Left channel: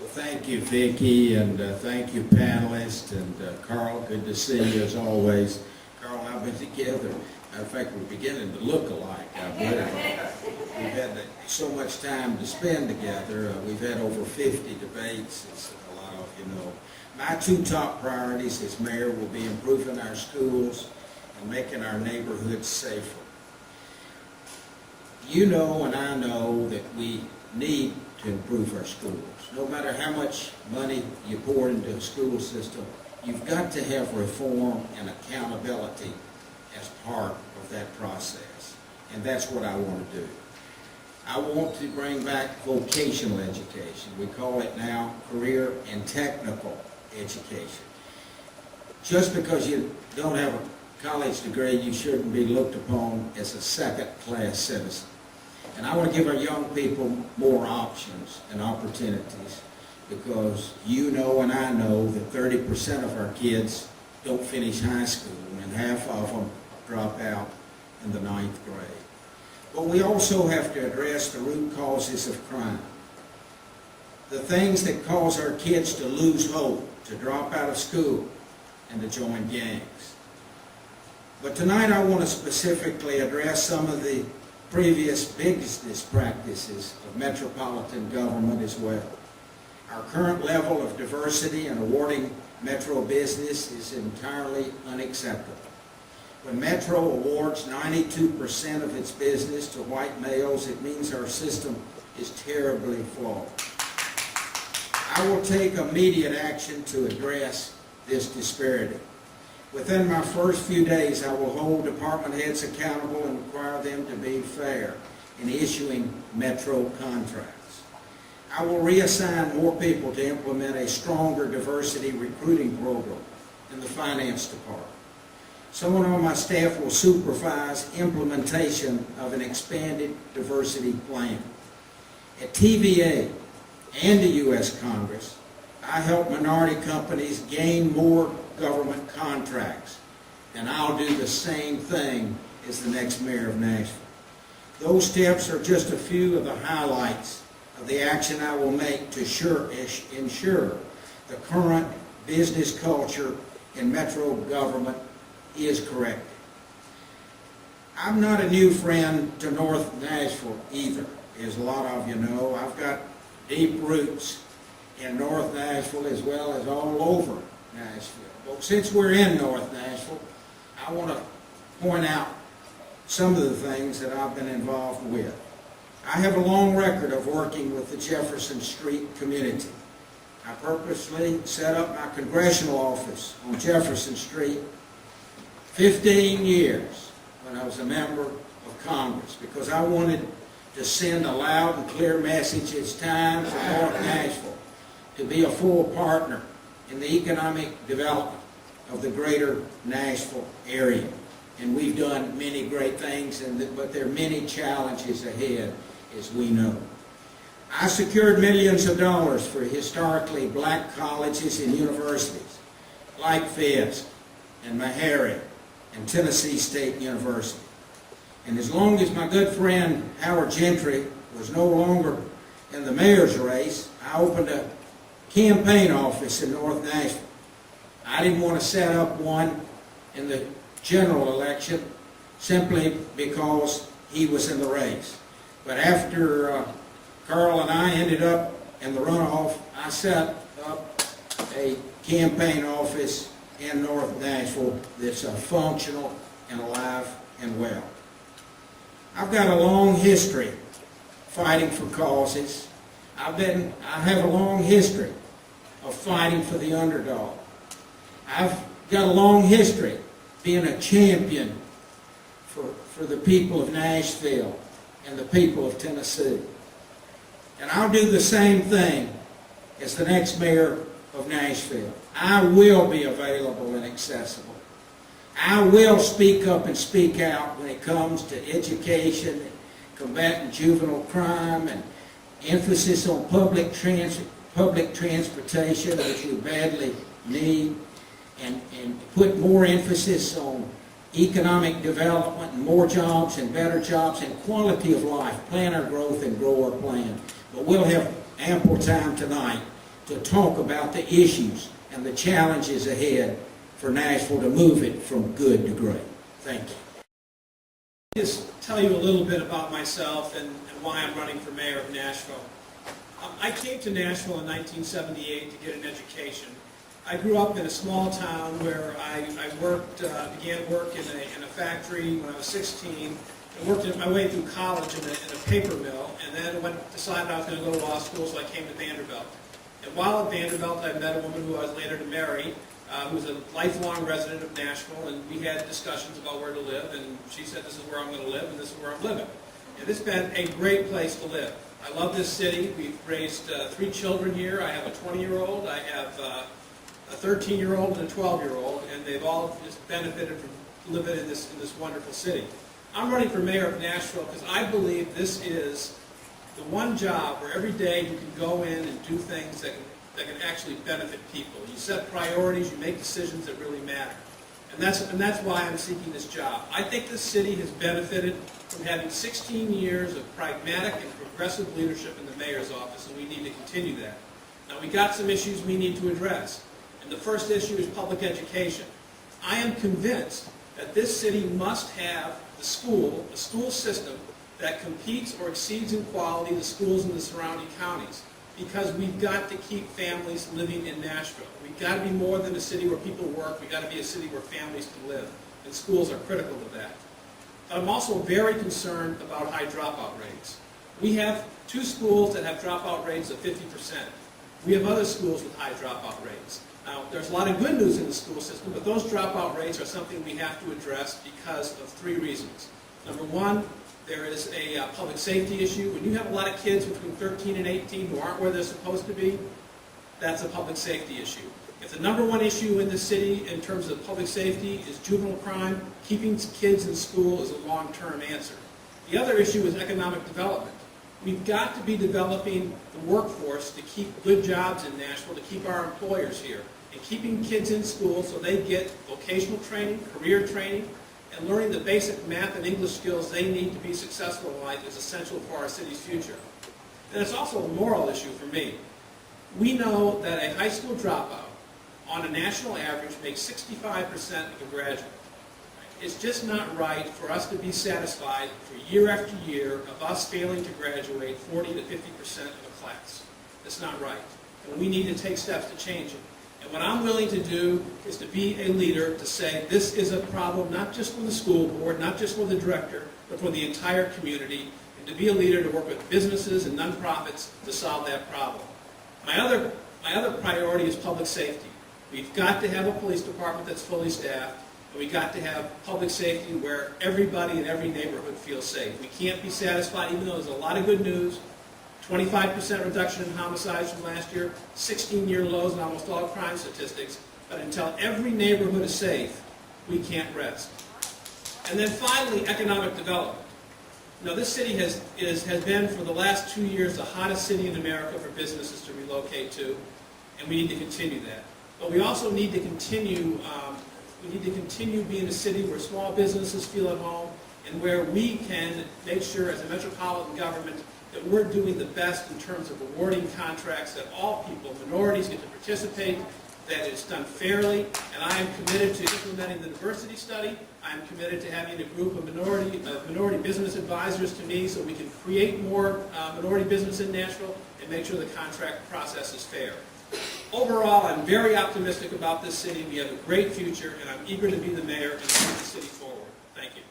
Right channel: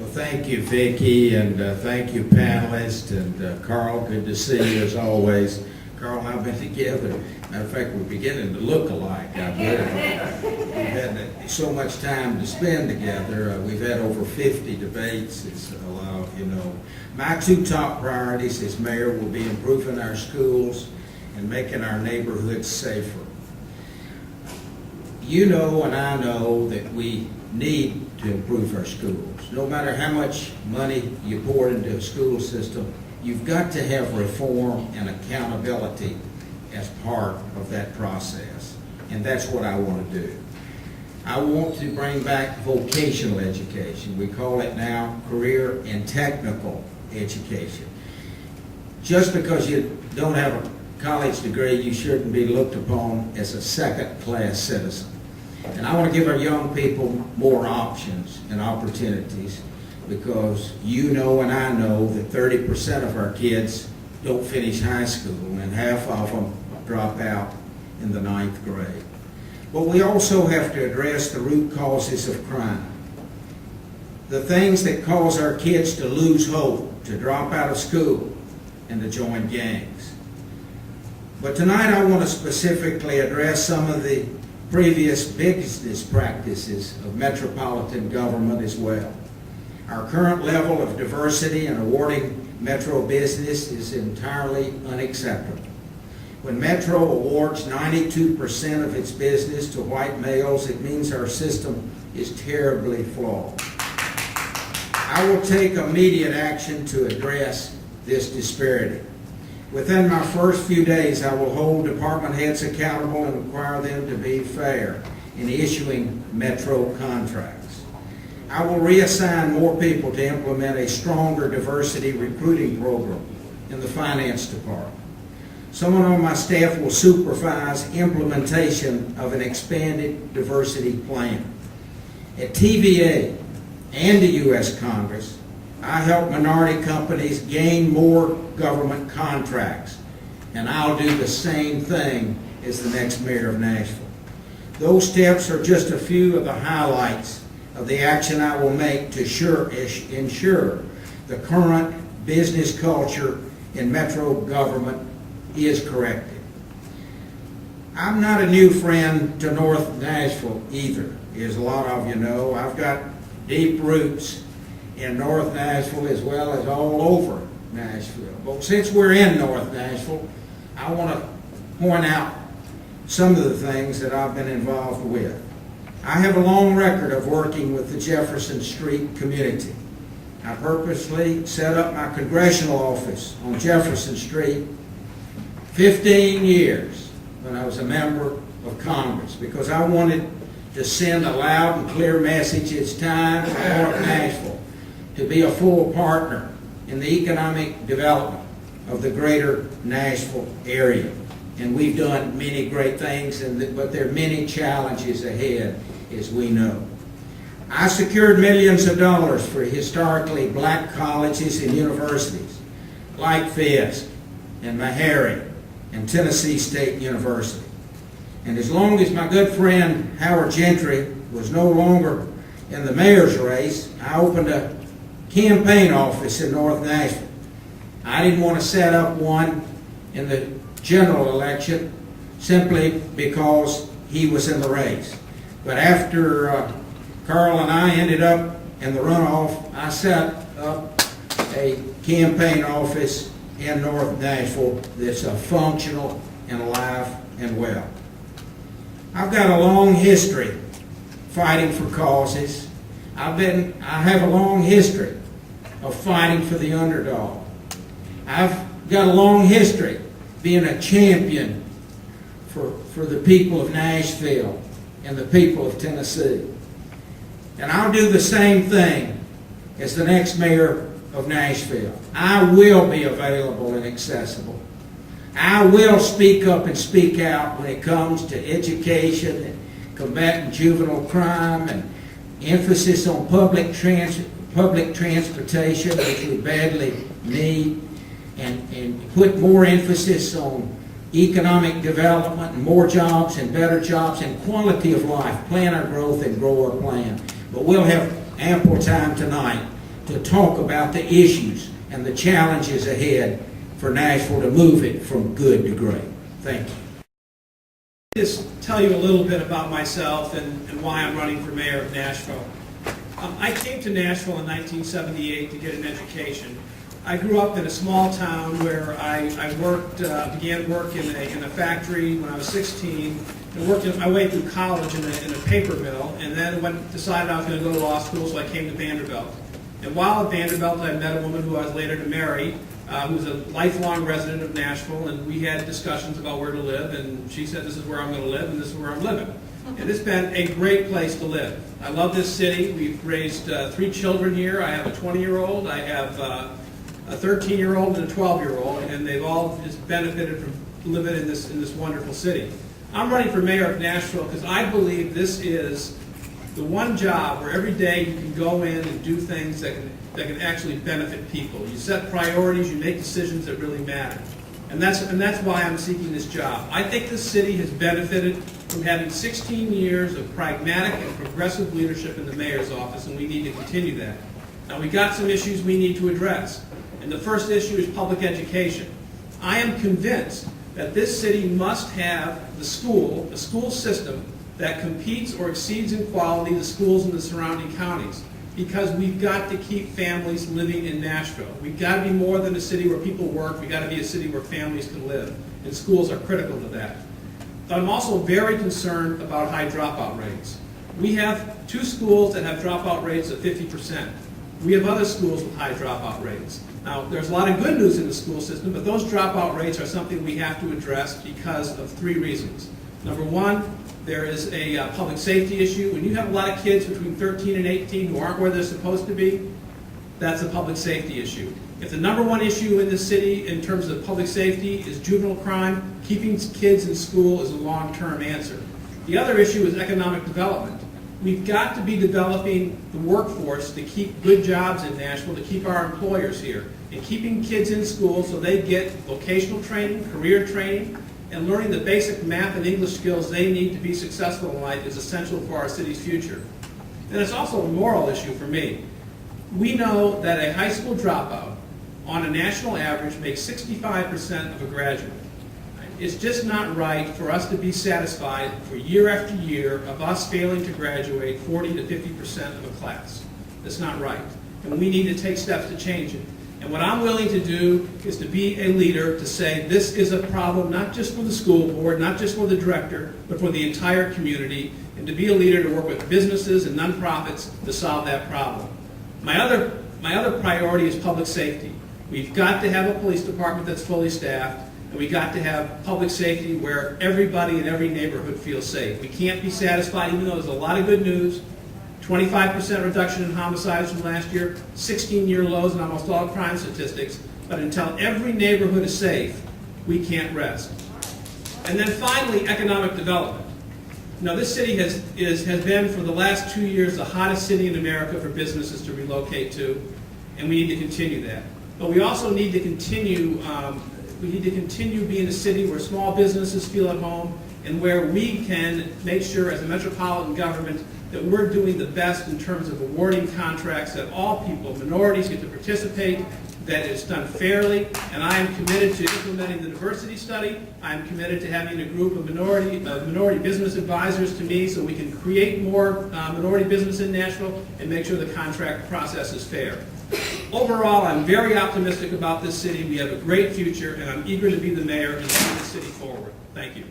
Well, thank you, Vicki, and thank you, panelists, and Carl, good to see you as always. Carl and I have been together. Matter of fact, we're beginning to look alike, I believe. We've had so much time to spend together. We've had over 50 debates, as a lot of you know. My two top priorities as mayor will be improving our schools and making our neighborhoods safer. You know and I know that we need to improve our schools. No matter how much money you pour into a school system, you've got to have reform and accountability as part of that process. And that's what I want to do. I want to bring back vocational education. We call it now career and technical education. Just because you don't have a college degree, you shouldn't be looked upon as a second-class citizen. And I want to give our young people more options and opportunities, because you know and I know that 30% of our kids don't finish high school and half of them drop out in the 9th grade. But we also have to address the root causes of crime. The things that cause our kids to lose hope, to drop out of school, and to join gangs. But tonight I want to specifically address some of the previous business practices of metropolitan government as well. Our current level of diversity in awarding metro business is entirely unacceptable. When Metro awards 92% of its business to white males, it means our system is terribly flawed. I will take immediate action to address this disparity. Within my first few days, I will hold department heads accountable and require them to be fair in issuing Metro contracts. I will reassign more people to implement a stronger diversity recruiting program in the finance department. Someone on my staff will supervise implementation of an expanded diversity plan. At TVA and the U.S. Congress, I help minority companies gain more government contracts, and I'll do the same thing as the next mayor of Nashville. Those steps are just a few of the highlights of the action I will make to ensure the current business culture in Metro government is corrected. I'm not a new friend to North Nashville either, as a lot of you know. I've got deep roots in North Nashville as well as all over Nashville. But since we're in North Nashville, I want to point out some of the things that I've been involved with. I have a long record of working with the Jefferson Street community. I purposely set up my congressional office on Jefferson Street 15 years when I was a member of Congress, because I wanted to send a loud and clear message. It's time for North Nashville to be a full partner in the economic development of the greater Nashville area. And we've done many great things, but there are many challenges ahead, as we know. I secured millions of dollars for historically black colleges and universities like Fisk and Mayoral and Tennessee State University. And as long as my good friend Howard Gentry was no longer in the mayor's race, I opened a campaign office in North Nashville. I didn't want to set up one in the general election simply because he was in the race. But after Carl and I ended up in the runoff, I set up a campaign office in North Nashville that's functional and alive and well. I've got a long history fighting for causes. I have a long history of fighting for the underdog. I've got a long history being a champion for the people of Nashville and the people of Tennessee. And I'll do the same thing as the next mayor of Nashville. I will be available and accessible. I will speak up and speak out when it comes to education and combating juvenile crime and emphasis on public transportation, which we badly need, and put more emphasis on economic development and more jobs and better jobs and quality of life, plan our growth and grow our plan. But we'll have ample time tonight to talk about the issues and the challenges ahead for Nashville to move it from good to great. Thank you. Just tell you a little bit about myself and why I'm running for mayor of Nashville. I came to Nashville in 1978 to get an education. I grew up in a small town where I began work in a factory when I was 16, and worked my way through college in a paper mill, and then decided I was going to go to law school, so I came to Vanderbilt. And while at Vanderbilt, I met a woman who I was later to marry, who was a lifelong resident of Nashville, and we had discussions about where to live, and she said, this is where I'm going to live, and this is where I'm living. And it's been a great place to live. I love this city. We've raised 3 children here. I have a 20-year-old, I have a 13-year-old and a 12-year-old, and they've all just benefited from living in this wonderful city. I'm running for mayor of Nashville because I believe this is the one job where every day you can go in and do things that can actually benefit people. You set priorities, you make decisions that really matter. And that's why I'm seeking this job. I think this city has benefited from having 16 years of pragmatic and progressive leadership in the mayor's office, and we need to continue that. Now, we got some issues we need to address. And the first issue is public education. I am convinced that this city must have a school system that competes or exceeds in quality the schools in the surrounding counties, because we've got to keep families living in Nashville. We've got to be more than a city where people work. We've got to be a city where families can live, and schools are critical to that. But I'm also very concerned about high dropout rates. We have 2 schools that have dropout rates of 50%. We have other schools with high dropout rates. Now, there's a lot of good news in the school system, but those dropout rates are something we have to address because of 3 reasons. Number 1, there is a public safety issue. When you have a lot of kids between 13 and 18 who aren't where they're supposed to be, that's a public safety issue. If the number 1 issue in this city in terms of public safety is juvenile crime, keeping kids in school is a long-term answer. The other issue is economic development. We've got to be developing the workforce to keep good jobs in Nashville, to keep our employers here, and keeping kids in school so they get vocational training, career training, and learning the basic math and English skills they need to be successful in life is essential for our city's future. And it's also a moral issue for me. We know that a high school dropout on a national average makes 65% of a graduate. It's just not right for us to be satisfied for year after year of us failing to graduate 40 to 50% of a class. That's not right. And we need to take steps to change it. And what I'm willing to do is to be a leader to say this is a problem not just for the school board, not just for the director, but for the entire community, and to be a leader to work with businesses and nonprofits to solve that problem. My other priority is public safety. We've got to have a police department that's fully staffed, and we've got to have public safety where everybody in every neighborhood feels safe. We can't be satisfied, even though there's a lot of good news. 25% reduction in homicides from last year, 16-year lows in almost all crime statistics. But until every neighborhood is safe, we can't rest. And then finally, economic development. You know, this city has been for the last 2 years the hottest city in America for businesses to relocate to, and we need to continue that. But we also need to continue being a city where small businesses feel at home, and where we can make sure as a metropolitan government that we're doing the best in terms of awarding contracts, that all people, minorities, get to participate, that it's done fairly. And I am committed to implementing the diversity study. I am committed to having a group of minority business advisors to me so we can create more minority business in Nashville and make sure the contract process is fair. Overall, I'm very optimistic about this city. We have a great future, and I'm eager to be the mayor and move the city forward. Thank you.